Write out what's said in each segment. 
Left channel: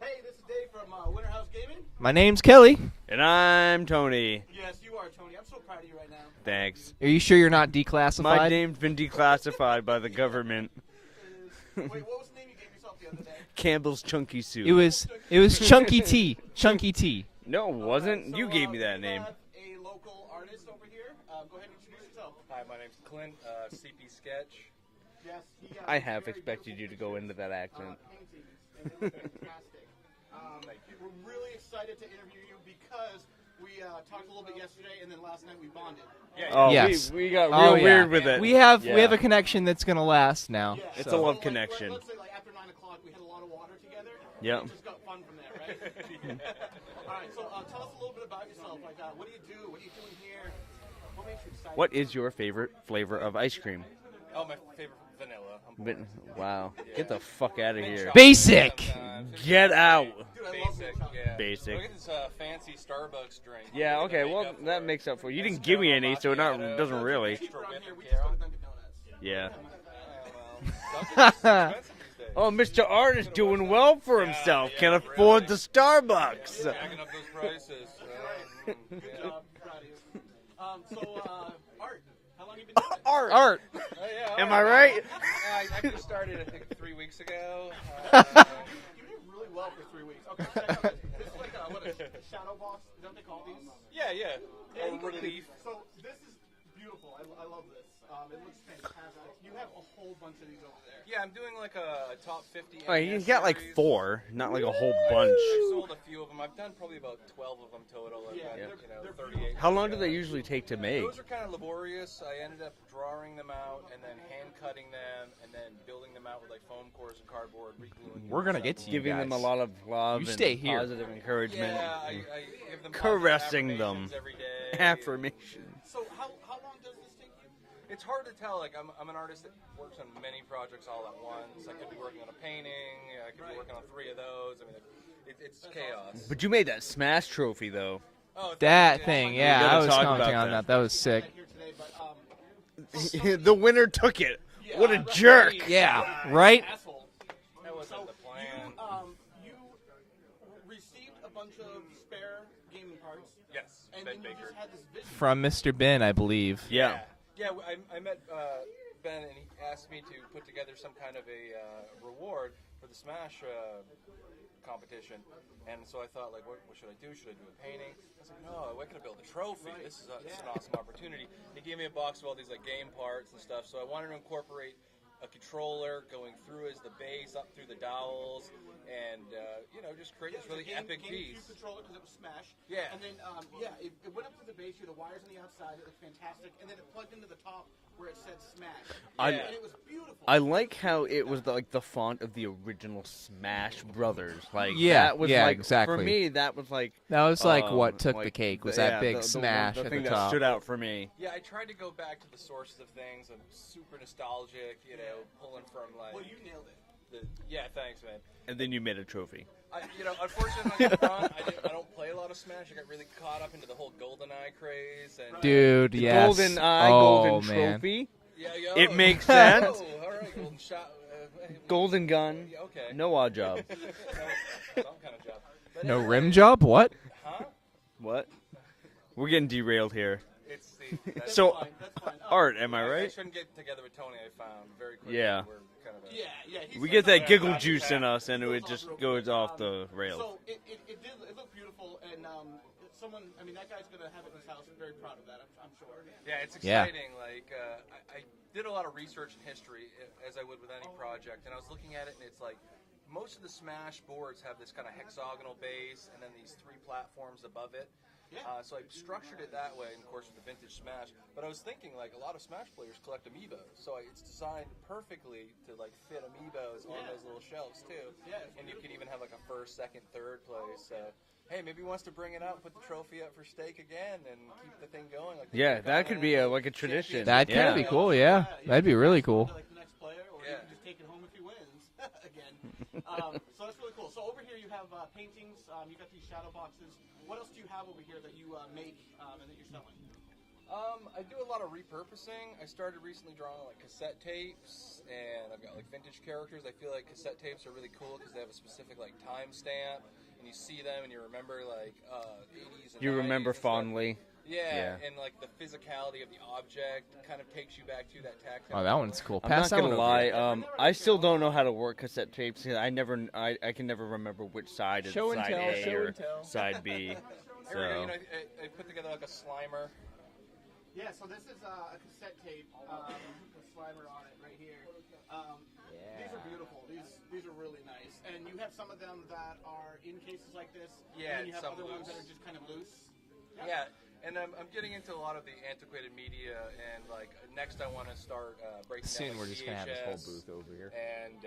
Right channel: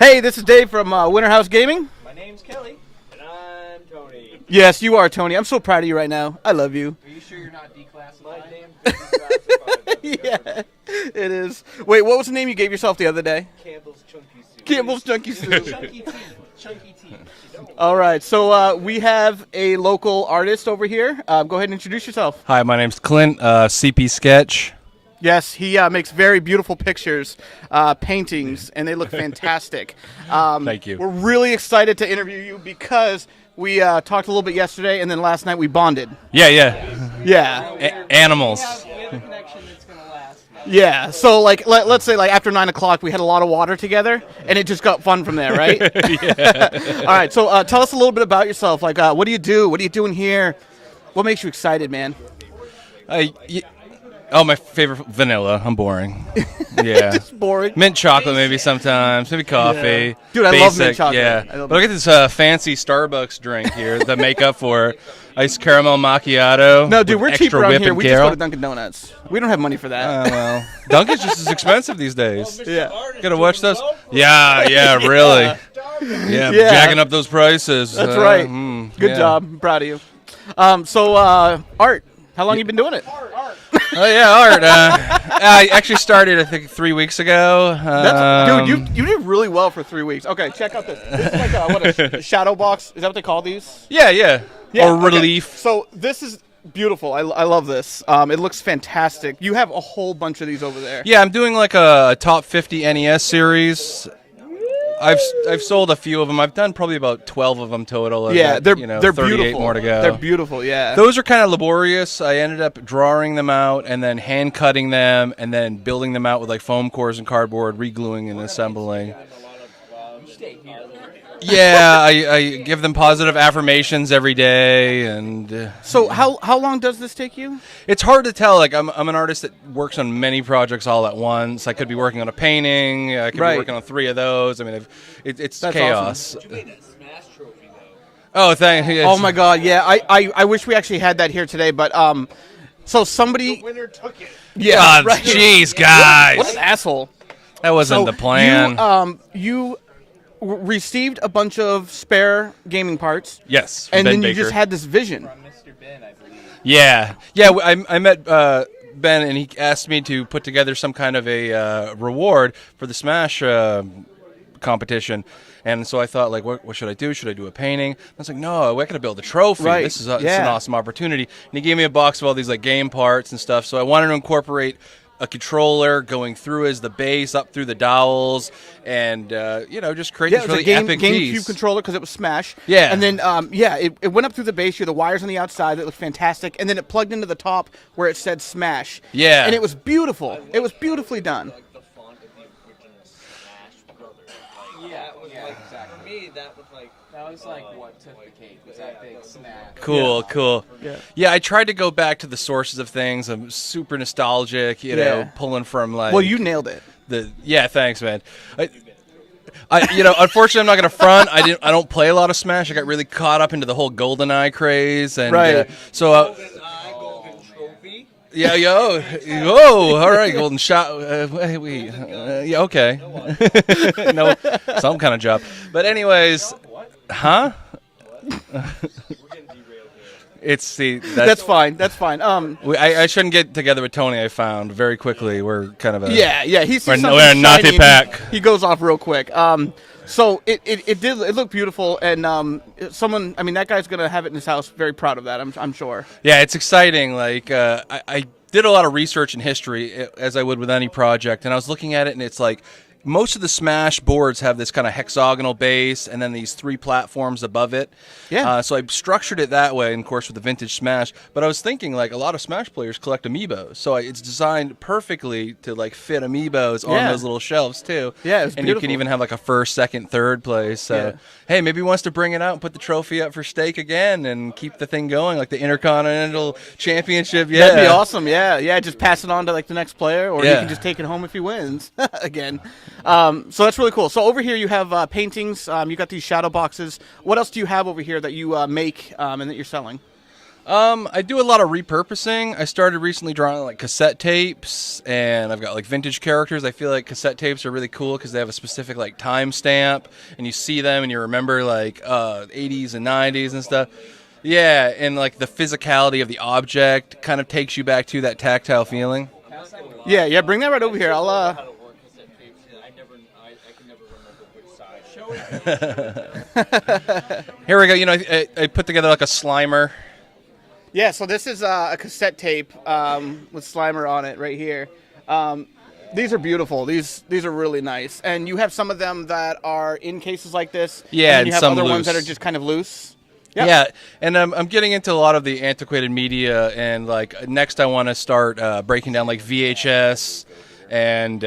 Hey, this is Dave from WinterHouse Gaming. My name's Kelly. And I'm Tony. Yes, you are, Tony. I'm so proud of you right now. I love you. Are you sure you're not declassified? My name's been declassified by the Yeah, government. it is. Wait, what was the name you gave yourself the other day? Campbell's Chunky Soup. Campbell's Chunky It Soup. was Chunky Tea. Chunky Tea. No. All right, so You gave me we that have a local artist over here. Go ahead and introduce yourself. Hi, my name's Clint, CP Sketch. Yes, he makes very beautiful pictures, paintings, and they look fantastic. Thank you. We're really excited to interview you because we talked a little bit yesterday, and then last night we bonded. Yeah. Yes. Yeah. Oh, yeah. Animals. We have a connection that's gonna last now. Yeah, so like let's say like after 9 o'clock we had a lot of water together, and it just got fun from there, right? All right, so tell us a little bit about yourself. Like, what do you do? What are you doing here? What makes you excited, What man? is your favorite flavor of ice cream? Oh, my favorite, vanilla. I'm boring. Yeah. Boring. Mint chocolate Basic. maybe sometimes, maybe Get coffee. out. Dude, I Basic, love mint chocolate. Yeah. I love Look at this fancy Starbucks drink here that make up for iced caramel macchiato. No, dude, we're extra cheap around whip here. and We just go Carol. to Dunkin' Donuts. We don't have money for that. Well, Dunkin's just as expensive these days. Oh, Mr. Yeah. Art is Gotta doing watch those. well for Yeah, really. Starbucks. Yeah, Yeah. jacking up those prices. That's right. Good yeah. job. I'm proud of you. So, Art, how long you been doing it? Art. Oh yeah, Art. I actually started, I think, 3 weeks ago. Dude, you did really well for 3 weeks. Okay, check out this. This is like a shadow box. Is that what they call these? Yeah. Yeah, Or okay. relief. So this is beautiful. I love this. It looks fantastic. You have a whole bunch of these over there. Yeah, I'm doing like a top 50 NES You got, series. Like 4, not like a whole I've bunch. I've sold a few of them. I've done probably about 12 of them total. I've Yeah, got, they're 38 beautiful. more to go. They're beautiful. Yeah. Those are kind of laborious. I ended up drawing them out and then hand cutting them and then building them out with like foam cores and cardboard, regluing and We're assembling. giving them a lot of love You and stay here. positive encouragement. Yeah, I give them positive affirmations every day, and So how long does this take you? it's hard to tell. Like I'm an artist that works on many projects all at once. I could be working on a painting. I could Right. be working on 3 of those. I mean, it's That's chaos. But you made that Smash trophy though. Oh, thank you. Oh my God! Yeah, Yeah, I wish we that actually was had sick. that here today, but so somebody. The winner took it. Yeah. God, right. jeez, Yeah. guys, What an asshole. that wasn't So the plan. you received a bunch of spare gaming parts, Yes, from and Ben then you Baker. just had this vision. From Mr. Ben, I believe. Yeah. I met Ben, and he asked me to put together some kind of a reward for the Smash competition. And so I thought, like, what should I do? Should I do a painting? I was like, no, I got to build a trophy. Right. This is it's an Yeah. awesome opportunity. And he gave me a box of all these like game parts and stuff. So I wanted to incorporate a controller going through as the base, up through the dowels, and just create Yeah, this it was really a epic GameCube piece. controller because it was Smash. Yeah. And then, it went up through the base. You had the wires on the outside that looked fantastic, and then it plugged into the top where it said Smash. Yeah. And it was beautiful. I like it was how beautifully it was done. like the font of the original Smash Brothers. Like Yeah, that was yeah, like exactly. for me that was like That was like what took like the cake was yeah, that big the Smash. Cool, stood cool. out for me. Yeah, I tried to go back to the sources of things. I'm super nostalgic, Yeah. pulling from like. Well, you nailed it. Thanks, man. And then you made a trophy. Unfortunately, I'm not gonna front. I don't play a lot of Smash. I got really caught up into the whole GoldenEye craze, and Right. Dude, so yes. Golden Eye, Oh, Golden man. Trophy. yeah, yo, It makes sense. oh, all right, golden shot, Golden gun. yeah, okay, No odd job. no, some kind of job. But anyways, Job? What? huh? What? We're getting derailed here. It's the That's fine. That's fine. I shouldn't get together with Tony. I found very quickly. Yeah. We're kind of a Yeah, he's We're he's a naughty shiny. pack. He goes off real Goes quick. off the rails. So it looked beautiful, and that guy's gonna have it in his house. Very proud of that. I'm sure. Yeah, it's exciting. Like I did a lot of research in history, as I would with any project, and I was looking at it, and it's like most of the Smash boards have this kind of hexagonal base, and then these 3 platforms above it. Yeah. So I structured it that way, and of course with the vintage Smash. But I was thinking, like, a lot of Smash players collect amiibos, so it's designed perfectly to like fit amiibos on Yeah. those little shelves too. Yeah, it's and you beautiful. can even have like a first, second, third place. So Yeah. hey, maybe he wants to bring it out and put the trophy up for stake again and keep the thing going, like the Yeah, that could be a- Intercontinental like a tradition. Championship. That'd That'd be Yeah. awesome. yeah. Yeah, That'd just be pass really it on cool. to like the next player, or you Yeah. can just take it home if he wins again. So that's really cool. So over here you have paintings. You got these shadow boxes. What else do you have over here that you make and that you're selling? I do a lot of repurposing. I started recently drawing like cassette tapes, and I've got like vintage characters. I feel like cassette tapes are really cool because they have a specific like time stamp, and you see them and you remember like 80s and 90s and stuff. Fondly. Yeah, and like the physicality of the object kind of takes you back to that tactile feeling. Cool. I'm Pass not that gonna one. lie. Yeah, bring that right over here. I still I'll, don't know how to work cassette tapes. 'Cause I can never remember which side Show is it side to A or side B. Here we go. You know, I put together like a Slimer. Yeah, so this is a cassette tape with Slimer on it right here. These are beautiful. These are really nice. And you have some of them that are in cases like this. Yeah, and you and have some other ones that are loose. just kind of loose. Yep. Yeah, and I'm getting into a lot of the antiquated media, and like next I want to start breaking down like VHS and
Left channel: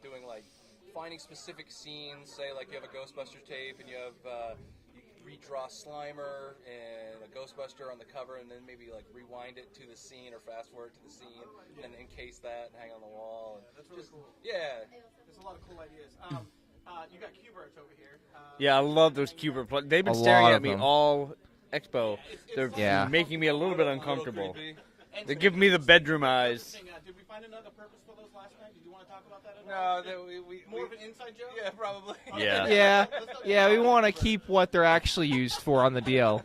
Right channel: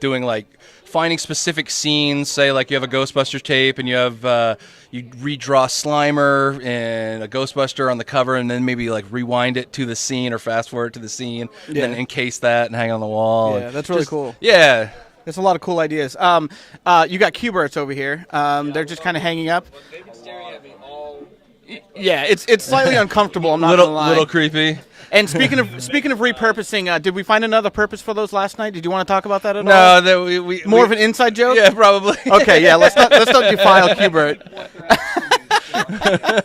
doing like finding specific scenes. Say like you have a Ghostbusters tape and you have you redraw Slimer and a Ghostbuster on the cover, and then maybe like rewind it to the scene or fast forward to the scene, and then encase that and hang on the wall. Yeah, that's really cool. Yeah. There's a lot of cool ideas. You got Q-Berts over here. Yeah, They're I just love kind of those hanging up. cubers. They've been A staring lot at of me them. all Expo. Yeah, it's slightly They're uncomfortable. I'm making me not gonna lie. Little creepy. And speaking Be the of bedroom eyes. repurposing, did we find another purpose for those last night? Did you want to talk about that at all? No, that we More of an inside joke. Yeah, probably. Okay, yeah. Let's not I defile want to Q-Bert. keep what they're actually used for on the deal.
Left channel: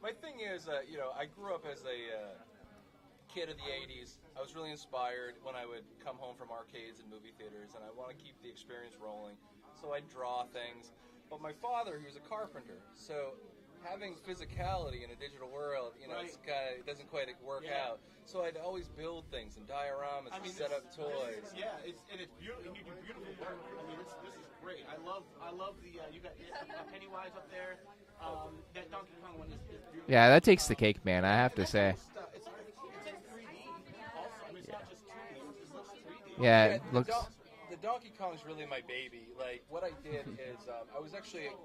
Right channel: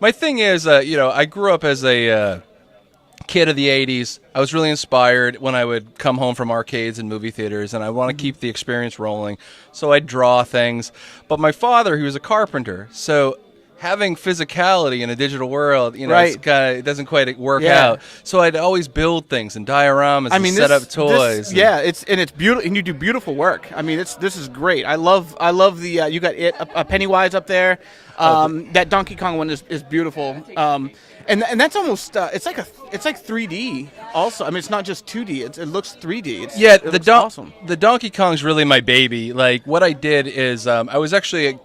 My thing is, you know, I grew up as a kid of the 80s. I was really inspired when I would come home from arcades and movie theaters, and I want to keep the experience rolling. So I'd draw things. But my father, he was a carpenter, so having physicality in a digital world, you know, Right. it's kinda, it doesn't quite work Yeah. out. So I'd always build things and dioramas I and mean, set up toys. yeah, it's beautiful, and you do beautiful work. I mean, this is great. I love the you got a Pennywise up there. That Donkey Kong one is beautiful. Yeah, that takes the cake, man. I have And to that's say. almost it's like 3D. Also, I mean, it's not just 2D. It looks 3D. Yeah. Yeah, It looks awesome. the Donkey Kong's really my baby. Like what I did is I was actually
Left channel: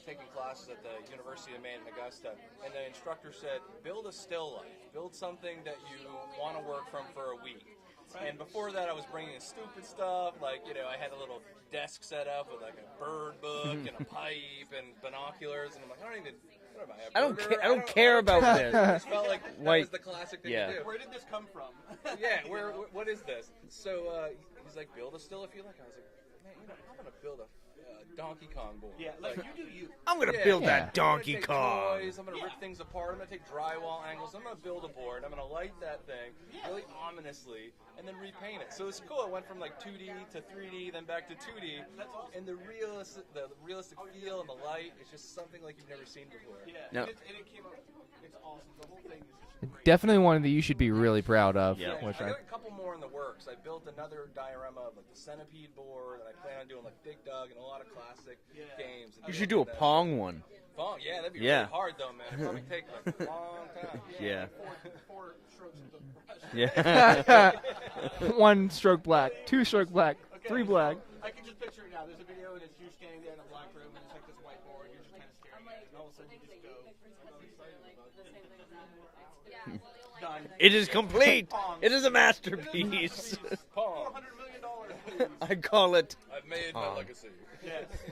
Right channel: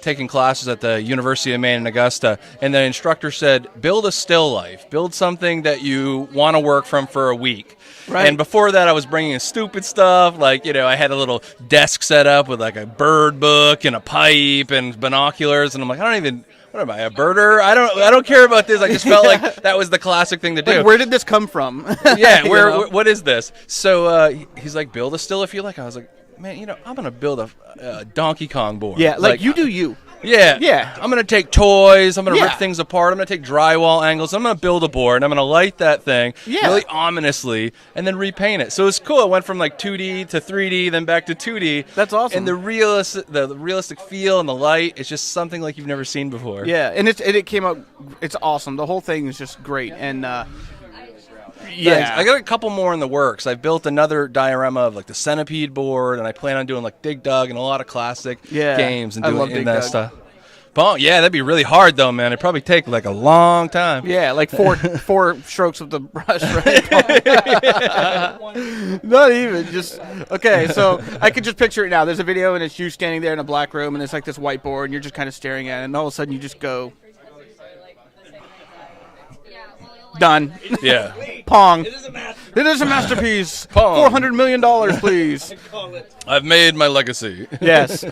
taking classes at the University of Maine in Augusta, and the instructor said, "Build a still life. Build something that you want to work from for a week." Right. And before that, I was bringing in stupid stuff. Like, you know, I had a little desk set up with like a bird book and a pipe and binoculars, and I'm like, I don't even. What am I, a birder? I don't care about this. I just felt like that was the classic thing to do. Like, where did this come from? Yeah, You where know? what is this? So he's like, build a still if you like. I was like, man, you know, I'm gonna build a Donkey Kong board. Yeah, like you do you. Yeah, I'm gonna take toys. I'm gonna Yeah. rip things apart. I'm gonna take drywall angles. I'm gonna build a board. And I'm gonna light that thing Yeah. really ominously, and then repaint it. So it's cool. It went from like 2D to 3D, then back to 2D. That's awesome. And the realistic feel and the light is just something like you've never seen before. Yeah, and it came out. It's awesome. The whole thing is just great. Definitely and, one that you should be really proud of. Yeah. Thanks. I got a couple more in the works. I've built another diorama of like the Centipede board, and I plan on doing like Dig Dug and a lot of classic games and I doing love Dig that Dug. stuff. Long one. Pong, yeah, that'd be really hard though, man. It'd probably take like a long time. Yeah, like four strokes of the brush. Right? One stroke. Not left, even. two Just strokes left. okay. So I could just picture it now. There's a video, and it's you standing there in a black room, and there's like this whiteboard, and you're just kind of staring at it, and all of a sudden you just go. Done. It is Yeah. complete. Pong. It is a masterpiece. It is a masterpiece. Pong. $400 million, please. I call it. I've made my legacy. Yes.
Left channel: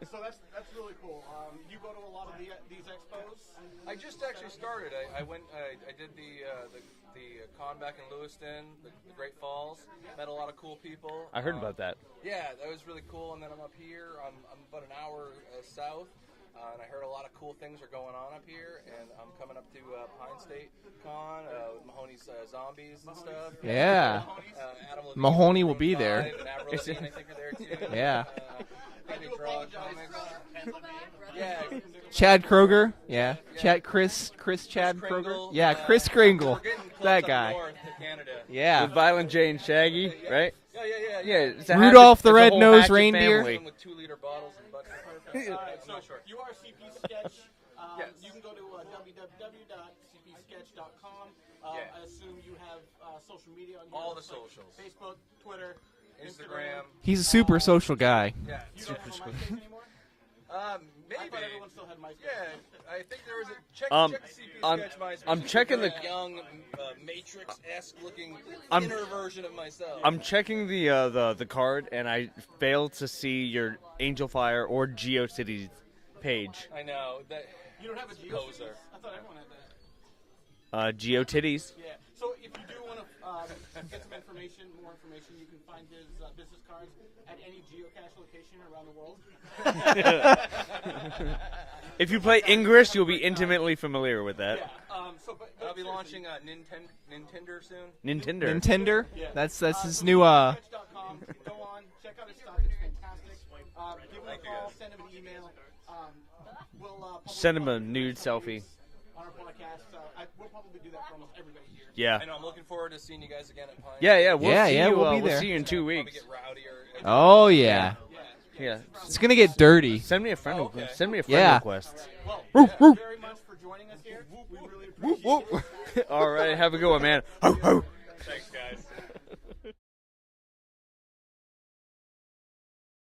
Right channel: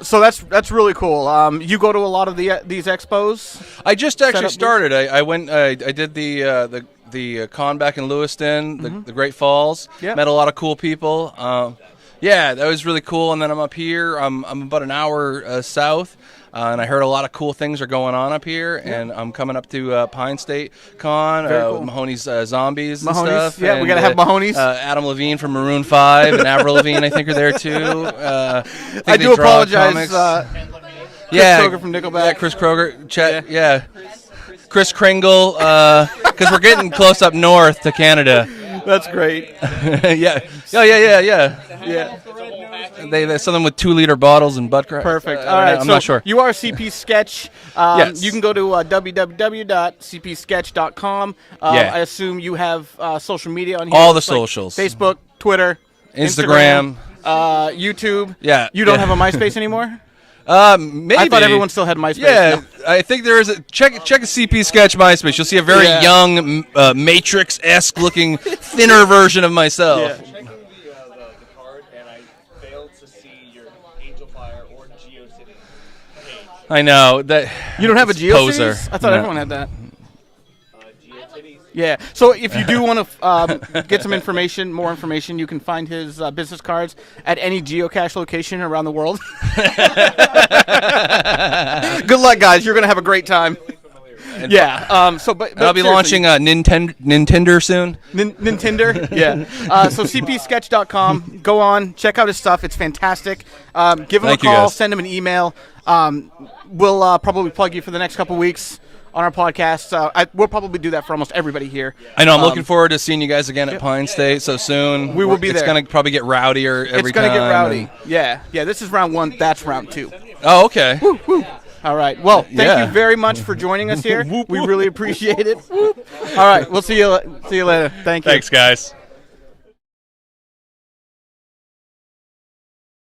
So that's really cool. You go to a lot of these expos. I just actually up started. I went. I did the con back in Lewiston, the Great Falls. Yep. Met a lot of cool people. I heard about that. Yeah, that was really cool. And then I'm up here. I'm about an hour south. And I heard a lot of cool things are going on up here, and I'm coming up to Pine State Con, Very cool. with Mahoney's Zombies and Mahoney's? stuff. Yeah, we and, gotta have Mahoney's. Adam Levine from Mahoney will Maroon be 5 and Avril Lavigne, I think, are there too. I think I they do draw apologize. comics. Chris Kroger from Nickelback. Chris Kroger. Kroger, Chad, yeah. Chris Chris Chad Kringle, Chris Kringle. because we're getting close up north to Canada. Yeah. That's Violent great. Jane Shaggy, Yeah. right? Yeah. It's a Rudolph hatchet. the It's a whole Red-Nosed hatchet. Reindeer. They have something with 2-liter bottles and butt crack. Perfect. All right. I'm so not sure. You are CP Sketch. Yes. You can go to www.cpsketch.com. Yeah. I assume you have social media on here. All the It's like socials. Facebook, Twitter, Instagram. He's a super social YouTube. guy. Yeah. You don't have a MySpace anymore? Maybe. I thought everyone still had MySpace. Yeah, No. I think there is a check a CP Sketch MySpace. You'll see a very Yeah. young, Matrix-esque looking, thinner version of myself. I'm checking the card, and I failed to see your Angel Fire or GeoCities page. I know that. You don't have a GeoCities? poser. I thought No. everyone had that. GeoTitties. Yeah. So if you do want to get some information, more information, you can find his business cards at any geocache location around the world. Good luck, guys. You're gonna have a great time. Intimately familiar with it. Yeah. But I'll be launching a Nintendo soon. Nintendo. Yeah. So new, cpsketch.com. Go on, check out his stuff. It's fantastic. Give him Thank a you, call. guys. Send him an email. We'll probably Send him plug a you for the new next couple selfie. weeks on our podcast. We'll probably do that for almost everybody here. Yeah. I know. I'm looking forward to seeing you guys again at Pine Yeah, State yeah, so yeah, soon. yeah, we will be It's there. gonna probably get rowdier every It's gonna time. get rowdy. yeah. Yeah. This is round one. gonna get That's round dirty. two. Send me a Oh, okay. Send me a friend Yeah. request. All right. Well, thank Yeah. you very much for joining us here. We really appreciate it. All right. Have a We'll good see you. one, See you later. Thank you. Thanks, guys.